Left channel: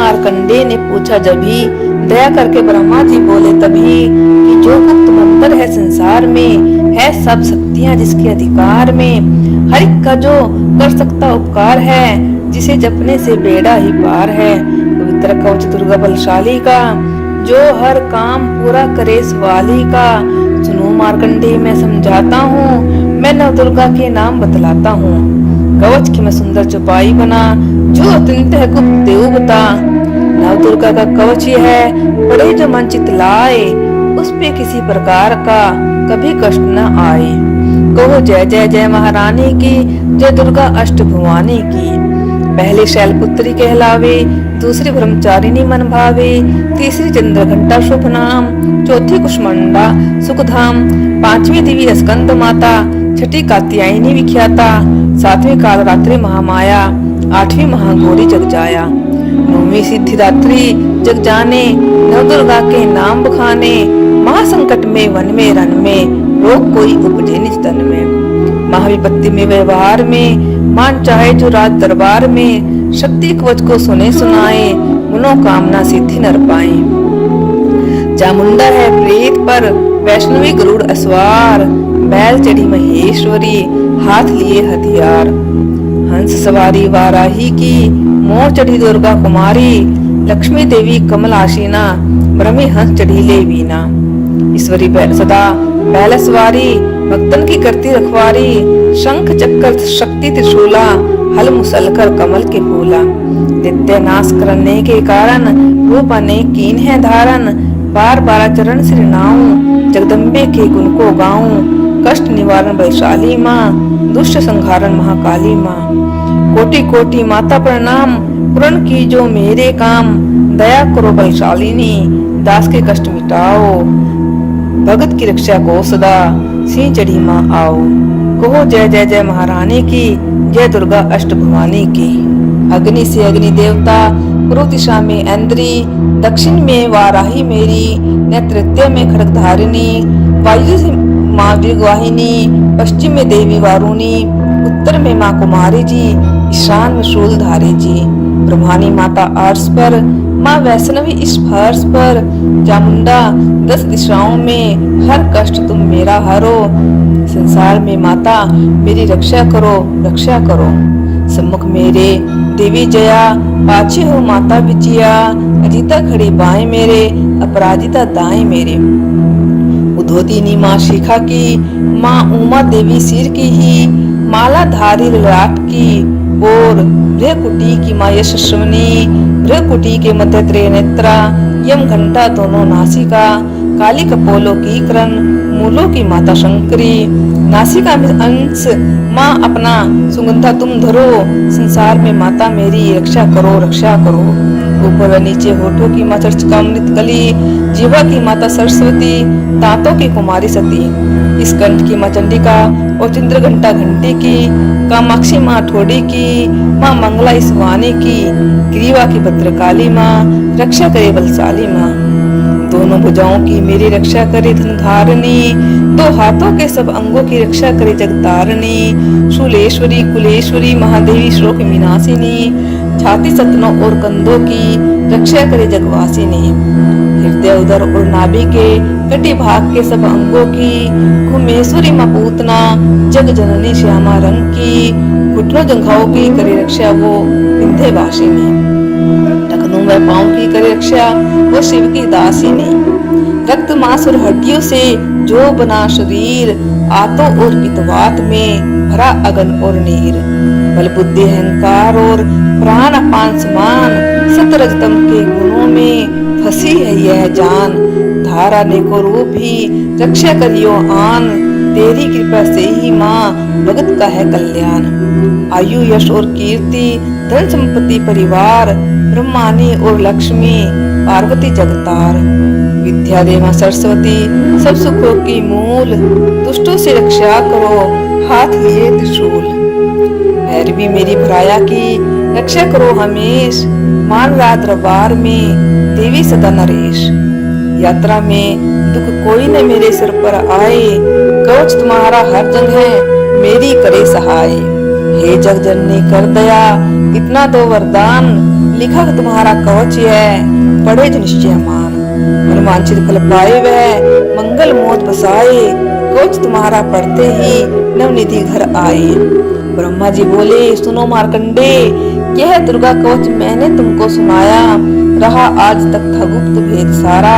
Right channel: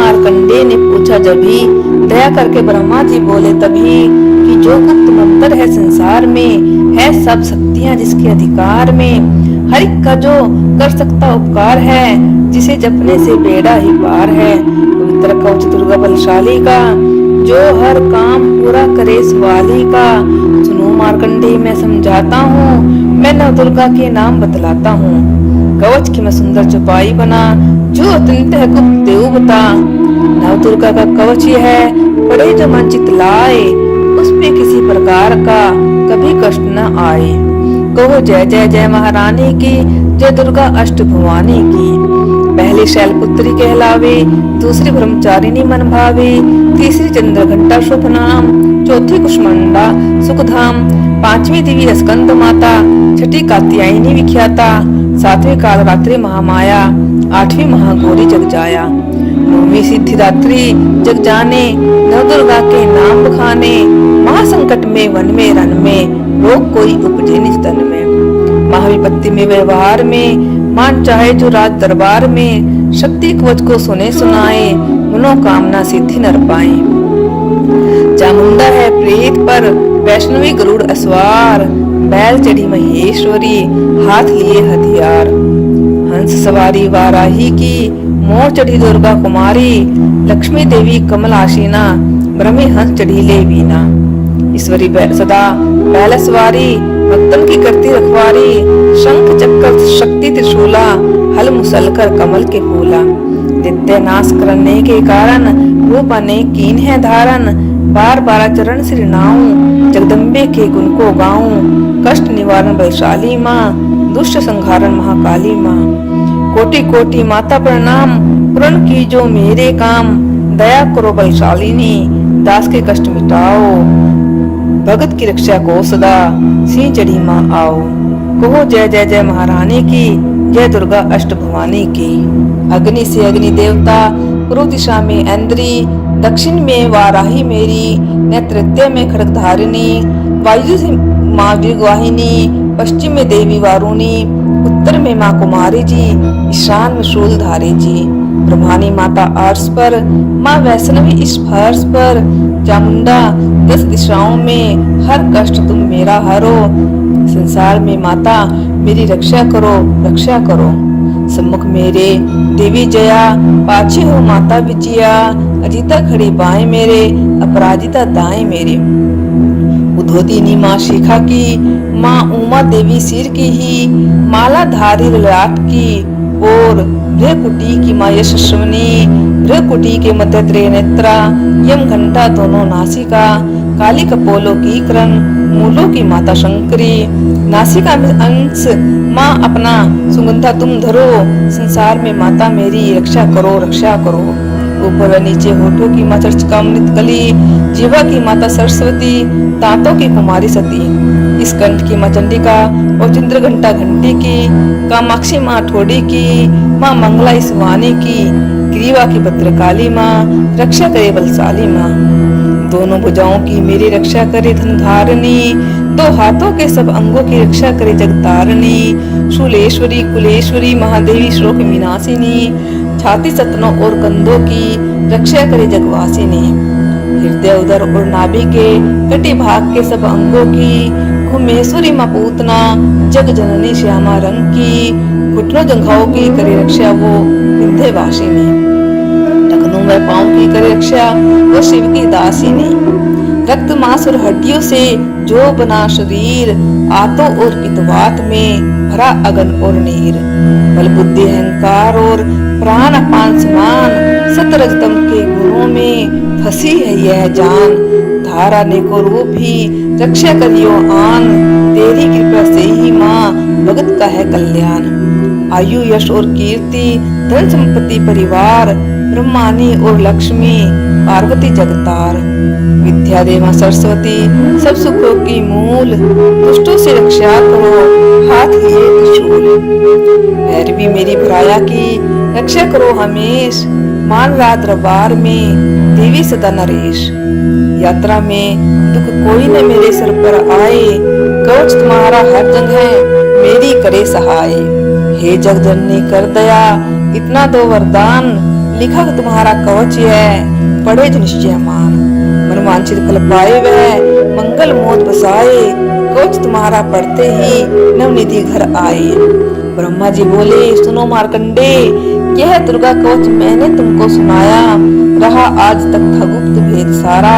मार्कंडे ने पूछा जब भी, दया करके ब्रह्मा जी बोले तभी कि जो गुप्त मंत्र है संसार में, है सब शक्तियां जिसके अधिकार में। हर एक का जो कर सकता उपकार है, जिसे जपने से बेड़ा ही पार है। पवित्र कवच दुर्गा बलशाली का, जो हर काम पूरा करे सवाली का। सुनो मार्कंडे मैं समझाता हूँ, मैं नव दुर्गा के नाम बतलाता हूँ। कवच की मैं सुंदर चौपाई बना, जो अत्यंत है गुप्त देव बता। नव दुर्गा का कवच ये है, पड़े जो मन चित लाए, उस पे किसी प्रकार का कभी कष्ट न आए। कहो जय जय जय महारानी की, जय दुर्गा अष्ट भुवानी की। पहली शैलपुत्री कहलावे, दूसरी ब्रह्मचारिणी मन भावे, तीसरी चंद्र घंटा शुभ नाम, चौथी कुष्मांडा सुखधाम, पांचवी देवी स्कंद माता, छठी कात्यायनी विख्याता, सातवीं कालरात्रि महामाया, आठवीं महागौरी जग जाया, नौवीं सिद्धिदात्री जग जाने, नव दुर्गा के नाम बखाने। महासंकट में वन में रन में, रोग कोई उपजे निज तन में। महाविपत्ति में व्यवहार में, मान चाहे जो राज दरबार में। शक्ति कवच को सुने सुनाए, मनोकामना सिद्धि नर पाए। चामुंडा है प्रेत पर, वैष्णवी गरुड़ अस्वार, बैल चढ़ी महेश्वरी, हाथ लिए हथियार। हंस सवारी वाराही की, मोर चढ़ी दुर्गा कुमारी, लक्ष्मी देवी कमल आशीना, ब्रह्मी हंस चढ़ी ले वीना। ईश्वरी सदा बैल सवारी, भक्तन की करती रखवारी, शंख चक्र शक्ति त्रिशूला, हल मुसल कर कमल के फूला। नित्य नाश करने के कारण, रूप अनेक कीन है धारण। बार बार चरण श्री नाऊं, जगदम्बे के गुण को गाऊं। कष्ट निवारण बलशाली माँ, दुष्ट संहारण महाकाली माँ। कोटि कोटि माता प्रणाम, पूर्ण की जो मेरे काम। दया करो बलशालिनी, दास के कष्ट मिटाओ। भगत की रक्षा को सदा, सिंह चढ़ी माँ आओ। कहो जय जय जय महारानी की, जय दुर्गा अष्ट भवानी की। अग्नि से अग्नि देवता, पूर्व दिशा में ऐन्द्री, दक्षिण में वाराही मेरी, नेतृत्य में खड्गधारिणी, वायु से माँ वीरवाहिनी, पश्चिम में देवी वारुणी, उत्तर में माँ कुमारी जी, ईशान में शूलधारी जी। ब्रह्मानी माता अर्श पर, माँ वैष्णवी इस फर्श पर। चामुंडा 10 दिशाओं में, हर कष्ट तुम मेरा हरो। संसार में माता मेरी रक्षा करो, रक्षा करो। सम्मुख मेरे देवी जया, पाछे हो माता विजया। अजिता खड़ी बाएं मेरे, अपराजिता दाएं मेरे। उद्धोतिनी माँ शिखा की, माँ उमा देवी सिर की ही, माला धारी ललाट की। और भ्रकुटी की माँ यशस्विनी, भ्रकुटी के मध्य त्रिनेत्रा, यम घंटा दोनों नासिका। काली कपोलों की करण, मूलों की माता शंकरी। नासिका में अंश, माँ अपना सुगंधा तुम धरो। संसार में माता मेरी रक्षा करो, रक्षा करो। ऊपर व नीचे होठों की माँ चर्चिकामृत कली, जीवा की माता सरस्वती, दांतों की कुमारी सती। इस कंठ की माँ चंडिका, और चंद्र घंटा घंटी की। कामाक्षी माँ ठोड़ी की, माँ मंगला इस वाणी की। ग्रीवा की भद्रकाली माँ, रक्षा करे बलशाली माँ। दोनों भुजाओं की मेरी रक्षा करे धन धारणी, दो हाथों के सब अंगों की रक्षा करे जगतारणी। शूलेश्वरी कुलेश्वरी महादेवी श्लोक विनाशिनी, छाती सतनों और कंधों की रक्षा करे जगवासिनी। हृदय उदर और नाभि के कटी भाग के सब अंगों की, घुमेश्वरी माँ पूतना, जग जननी श्यामा रंग की। घुटनों जंघाओं की करे रक्षा वो विंध्यवासिनी, टखनों व पाँव की करे रक्षा वो शिव की दासिनी। रक्त मांस और हड्डियों से जो बना शरीर, आतों और पितवात में भरा अगन और नीर। बल बुद्धि अहंकार और प्राण अपान समान, सतरजतम के गुणों में फंसी है यह जान। धारा ने को रूप ही रक्षा करियो आन, तेरी कृपा से ही माँ भगत का है कल्याण। आयु यश और कीर्ति, धन संपत्ति परिवार, ब्रह्मानी और लक्ष्मी, पार्वती जगतार। विद्या दे माँ सरस्वती, सब सुखों की मूल। दुष्टों से रक्षा करो, हाथ लिए त्रिशूल। भैरवी मेरी भराया की, रक्षा करो हमेश। मान रात दरबार में, देवी सदा नरेश। यात्रा में दुख कोई न मेरे सर पर आए, कवच तुम्हारा हर जंग है, मेरी करे सहाय। हे जग जननी कर दया, इतना दो वरदान, लिखा तुम्हारा कवच है, पढ़े जो निश्चय मान। मनवांछित फल पाए वह, मंगल मोद बसाए, कवच तुम्हारा पढ़ते ही नवनिधि घर आए। ब्रह्मा जी बोले सुनो मार्कंडे, यह दुर्गा कवच मैंने तुमको सुनाया, रहा आज तक था गुप्त भेद सारा,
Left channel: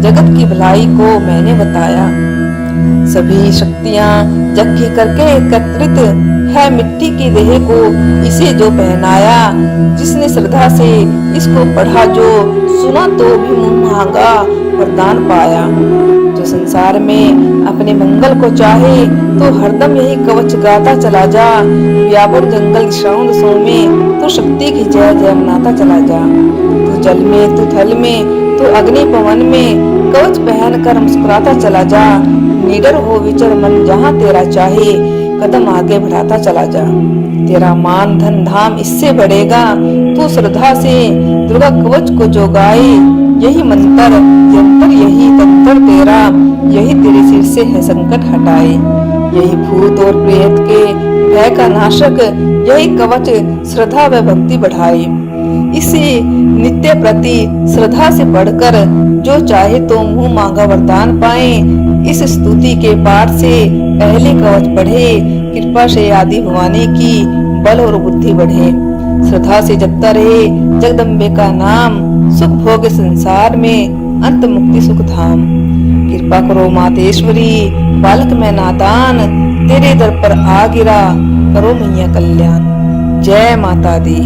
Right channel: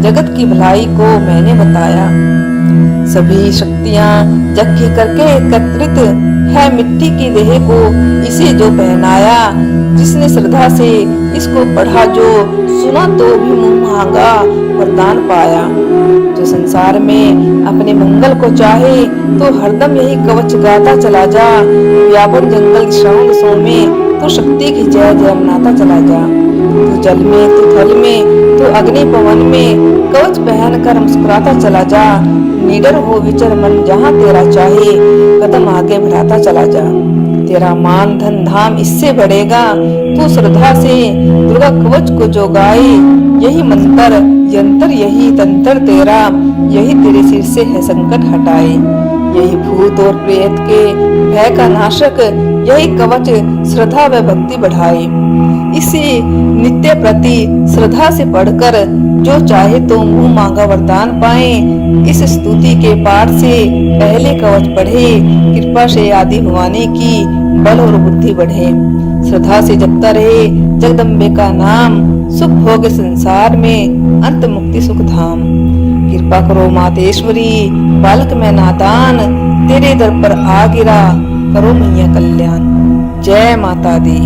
जगत की भलाई को मैंने बताया। सभी शक्तियां जक्की करके एकत्रित है, मिट्टी की देह को इसे जो पहनाया, जिसने श्रद्धा से इसको पढ़ा जो, सुना तो भी मुंह मांगा वरदान पाया। जो संसार में अपने मंगल को चाहे, तो हरदम यही कवच गाता चला जा, व्यापक जंगल श्रावण सो में तो शक्ति की जय जय मनाता चला जा। तू जल में, तू थल में, तू अग्नि पवन में, कवच पहन कर मुस्कुराता चला जा, निडर हो विचर मन जहाँ तेरा चाहे, कदम आगे बढ़ाता चला जा। तेरा मान धन धाम इससे बढ़ेगा, तू श्रद्धा से दुर्गा कवच को जो गाए, यही मंत्र यंत्र यही तंत्र तेरा, यही तेरे सिर से है संकट हटाए। यही भूत और प्रेत के भय का नाशक, यही कवच श्रद्धा व भक्ति बढ़ाए। इसी नित्य प्रति श्रद्धा से पढ़कर जो चाहे तो मुंह मांगा वरदान पाए। इस स्तुति के पाठ से पहले कवच पढ़े, कृपा से आदि भवानी की बल और बुद्धि बढ़े। श्रद्धा से जपता रहे जगदम्बे का नाम, सुख भोग संसार में अंत मुक्ति सुख धाम। कृपा करो मातेश्वरी, बालक मैं नादान, तेरे दर पर आ गिरा, करो मैया कल्याण। जय माता दी।